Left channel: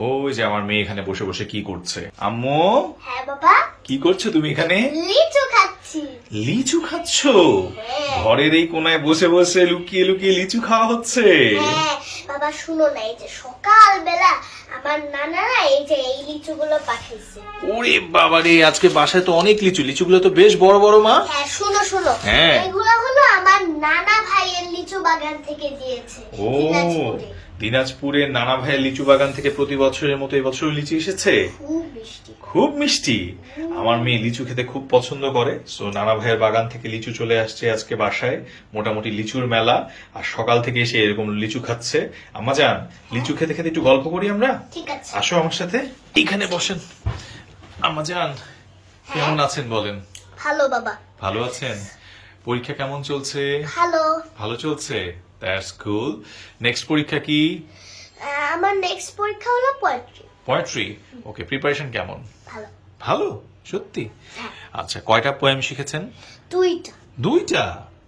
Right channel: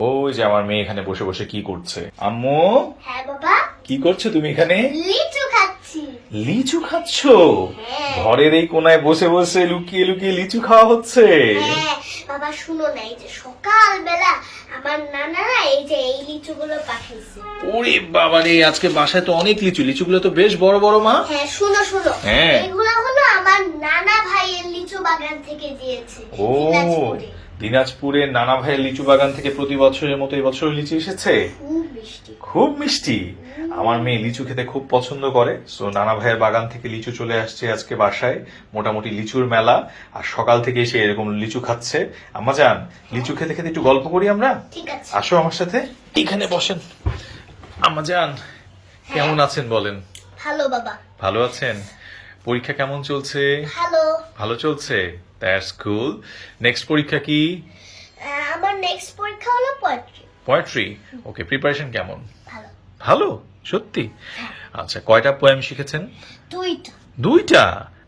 ওই যে আমার মেয়ে এখানে বসে বসে কি করছে। আম্মু হ্যাঁ বাবা। কি করছ তুমি এখানে? লিচু খাচ্ছি। লিচু খাচ্ছ? হ্যাঁ। ঘরের এই কোনায় বসে বসে লুকিয়ে লুকিয়ে লিচু খাওয়া হচ্ছে? হ্যাঁ বাবা শুনো না এই যে সকালবেলা আমার নানারা এই যে এই লিচুগুলো পাঠিয়েছে। ওরে বাবা রে আজকে বাসায় তো অনেক লিচু লিচুগুলো তো বেশ বড় বড় মা। হ্যাঁ শুনো শুনো হ্যাঁ। এগুলো হলো আমার নানা ভাইয়ের লিচু বাগান থেকে দিয়েছে। ও দিনাজপুরে। দিনাজপুরের নানা ভাইয়ের লিচু বাগান থেকে প্রতি বছরের মতো এবছর লিচু এসেছে? খুব মিষ্টি। আমার মেয়ে লিচু খেতে খুব পছন্দ করে। সো নানা ভাইয়ের বাগান থেকে লিচু চলে আসছে আজকে বাসায়। মোটামুটি লিচুর মেলা। আর সকাল থেকে এসে এরকম লিচু খাচ্ছে। আম্মা যান লিচু খেতে খেতে একটু গল্প করি আমরা? আসো আমার সাথে। এখানে বসেন। আম্মা যান কেমন আছেন বলেন? ভালো বাবা। ভালো আছেন? পরীক্ষা কেমন চলছে? ভালো। ভালো চলছে? দ্যাটস কুল নেক্সট পরীক্ষা কি? আমার নেক্সট পরীক্ষা হলো পোয়েট্রি পোয়েট্রি ওকে প্রিপারেশন কেমন? ভালো। ভালো? সত্যি? আচ্ছা কয়টা পোয়েম শিখেছেন? দুইটা। দুইটা?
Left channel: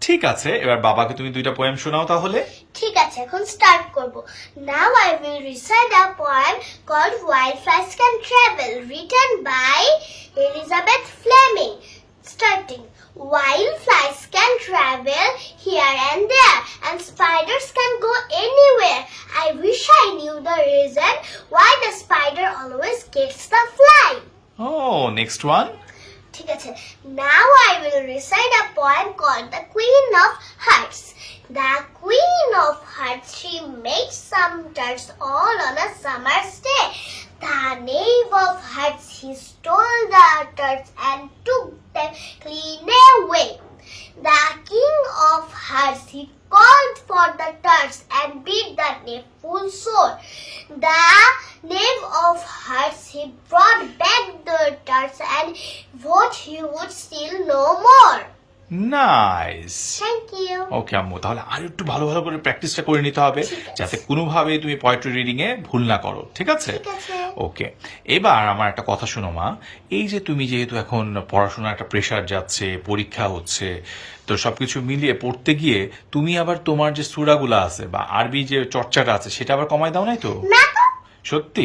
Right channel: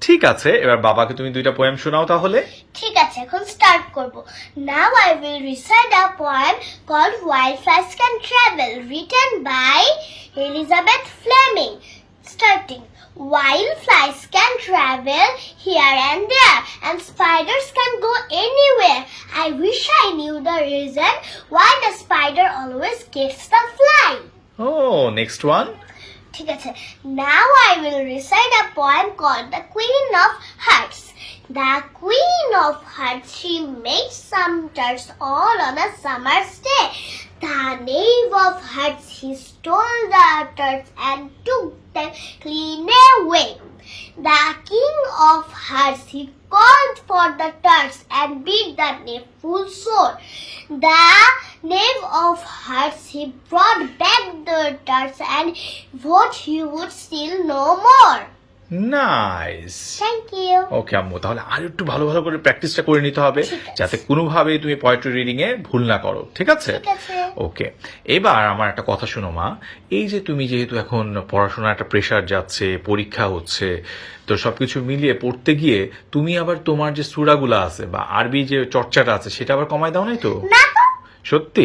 ঠিক আছে এবার বাবাকে তুমি দুইটা পোয়েম শোনাও তাহলে। ঠিক আছে এখন স্টার্ট করব। Now I will recite a poem called wild flies can travel written by Elizabeth Fleming starting Wild flies can travel here and there, and spiders can go anywhere. I wish I knew the reason why the spider always gets the fly. O next one ঠিক আছে Now I will recite a poem called The Queen of Hearts. The Queen of Hearts, she made some tarts all on a summer's day. The knave of hearts, he stole tarts and took them clean away. The king of hearts, called for the tarts and beat the knave full sore. The knave of hearts, brought back the tarts and what he would steal no more. Nice okay আম্মু তাহলে আর একটু ভালো ভালো করে প্র্যাকটিসটা করে নিতে হবে যাতে কোনোভাবেই তুমি পোয়েট্রি রিডিং এ ভুল না করো ঠিক আছে? ওকে এবার আমার একটা কথা শোনো মা। এই যে তুমি যেহেতু এখন পড়াশোনার একটা প্রেশার যাচ্ছে পরীক্ষা হচ্ছে তো সবকিছু মিলিয়ে পড়তে গিয়ে তুমি আবার তোমার যে সুরাগুলো আছে বা আরবি যে চর্চাটা আছে সেটা আবার কমাই দাও নাই তো? সত্যি?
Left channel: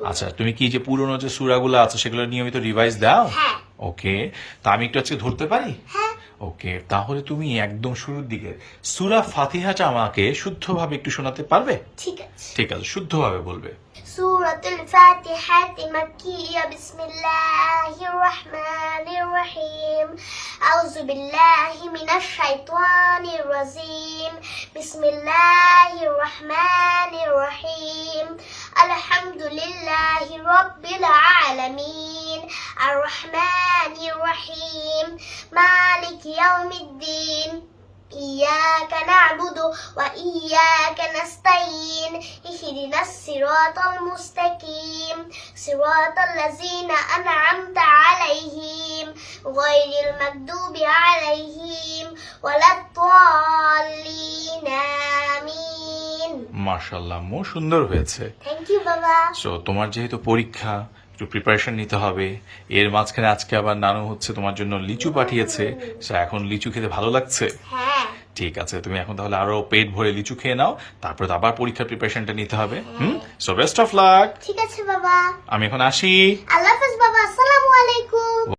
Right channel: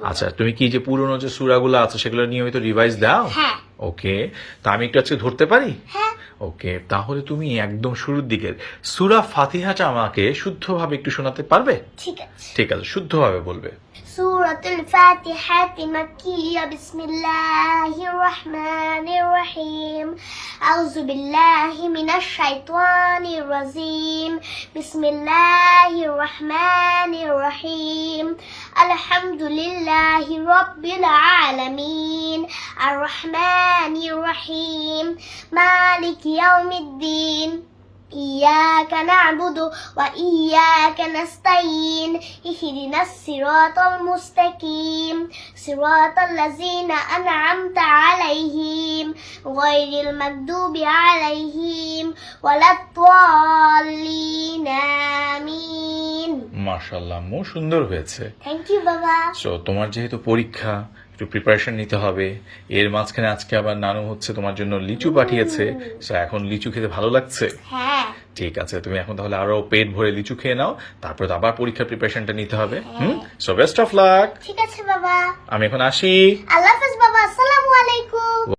আচ্ছা তুমি কি যে পুরনো যে সুরাগুলো আছে সেগুলো নিয়মিত রিভাইজ দাও? হ্যাঁ। ওকে তা আমি একটু আজকে ধরতে পারি? হ্যাঁ। ওকে তাহলে তুমি একদম শুরুর দিকের সুরা ফাতিহাটা আমাকে শুদ্ধভাবে একটু শোনাতে পারবে? ঠিক আছে। শুদ্ধভাবে বলবে। সুরাতুল ফাতিহাতি মাকিয়া বিসমিল্লাহির রহমানির রহিম আউযু বিল্লাহি মিনাশ শাইতানির রাজিম বিসমিল্লাহির রহমানির রহিম আলহামদুলিল্লাহি রাব্বিল আলামিন। لله رب العالمين الرحمن الرحيم مالك يوم الدين إياك نعبد وإياك نستعين اهدنا الصراط المستقيم صراط الذين أنعمت عليهم غير المكذوب عليهم ولا الضالين آمين মার্শাল্লাহ মো সুন্দর হয়েছে থ্যাংক ইউ বাবা সো তোমার যেহেতু পরীক্ষা একটু প্রিপারেশন নিতে হবে। এর মাঝখানে আজকে আবার নানু হচ্ছে তোমার জন্য লিচু পাঠিয়েছে। তো এখন লিচু খেতে ভালো লাগছে? হ্যাঁ। ঠিক আছে তুমি এখন তাহলে আরও পেট ভরে লিচু খেয়ে নাও তারপর আবার পরীক্ষার প্রিপারেশনটা নিতে হবে। হুম? সো বেস্ট অফ লাক ঠিক আছে বাবা। আমি এখন আসি।